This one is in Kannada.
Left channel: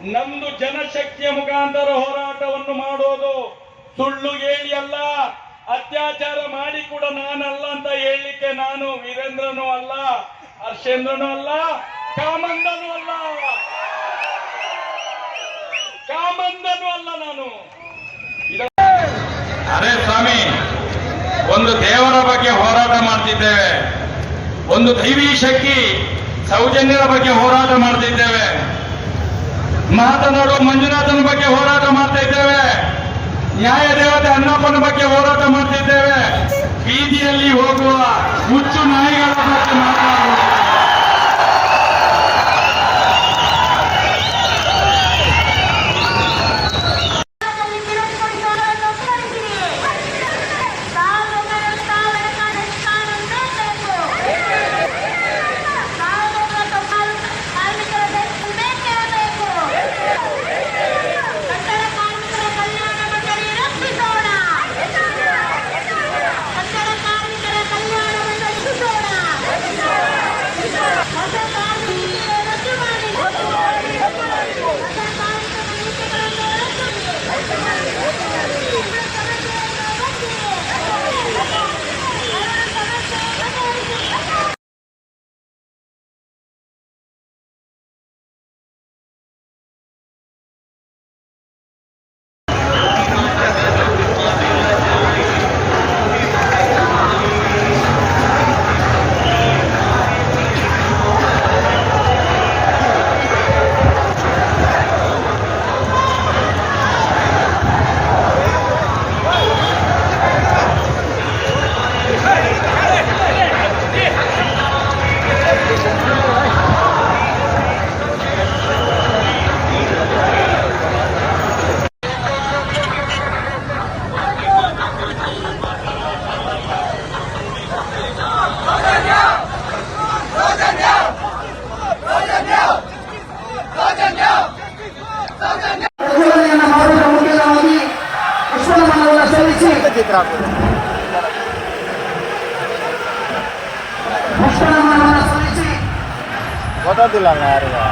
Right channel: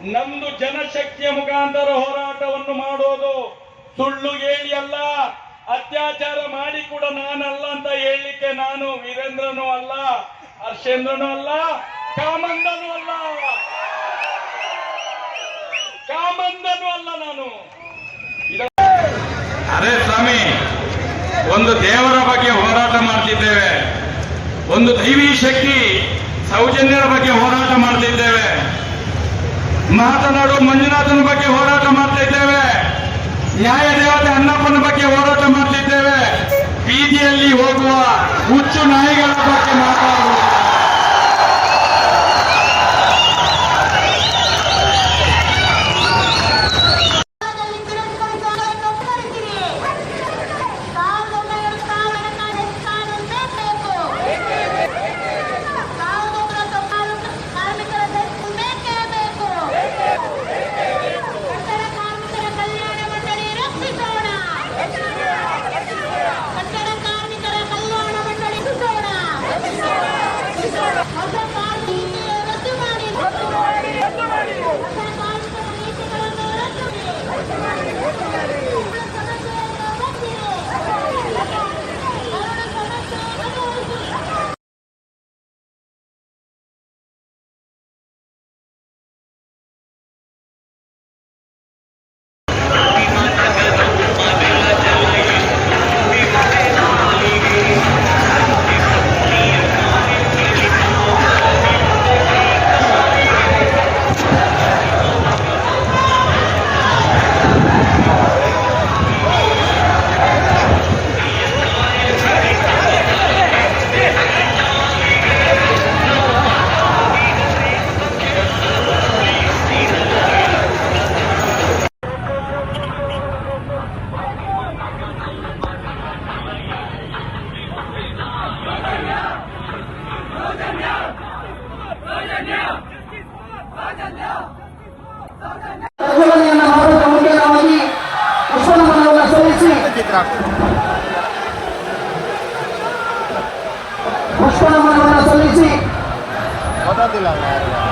ನಮ್ದು ಜನಶಕ್ತಿಯ ಮುಖಾಂತರ ಹೋರಾಟವನ್ನು ಮಾಡೋದು. ಸುಳ್ಳು ಹೇಳಿ ಅಲ್ಲ, ಅತ್ಯಾಚಾರ ಮಾಡಿ ಕೂಡ ನಾನಲ್ಲ ಅಂತ ಹೇಳಲಿಕ್ಕೆ ನಾನು ವೀರೇಂದ್ರನೂ ಅಲ್ಲ, ಹರ್ಷೇಂದ್ರನೂ ಅಲ್ಲ, ಕಾಮಂದನೂ ಅಲ್ಲ, ನಾನು. ಅದೇ ಸ್ವಾಮಿ, ಒಂದು ದೇವರ ಬಗ್ಗೆ ಹೋರಾಟ ಮಾಡ್ತಿದ್ದೇವೆ, ಒಂದು ದೈವಿ ಶಕ್ತಿ ಸೌಜನ್ಯದ ಬಗ್ಗೆ ಹೋರಾಟ ಮಾಡ್ತಿದ್ದೇವೆ, ಮಾತನಾಡುವ ಮಂಜುನಾಥನ ಬಗ್ಗೆ ಹೋರಾಟ ಮಾಡ್ತಾ ಇದ್ದೇವೆ, ನ್ಯಾಯ ದೇವತೆ ಅನ್ನಪ್ಪನ ಬಗ್ಗೆ ಹೋರಾಟ ಮಾಡ್ತಿದ್ದೇವೆ, ಬೀದಿಯಲ್ಲಿ ಹೋಗುವ ಹುಚ್ಚು ನಾಯಿಗಳ ಬಗ್ಗೆ ಮಾತಾಡುವ. Ototilang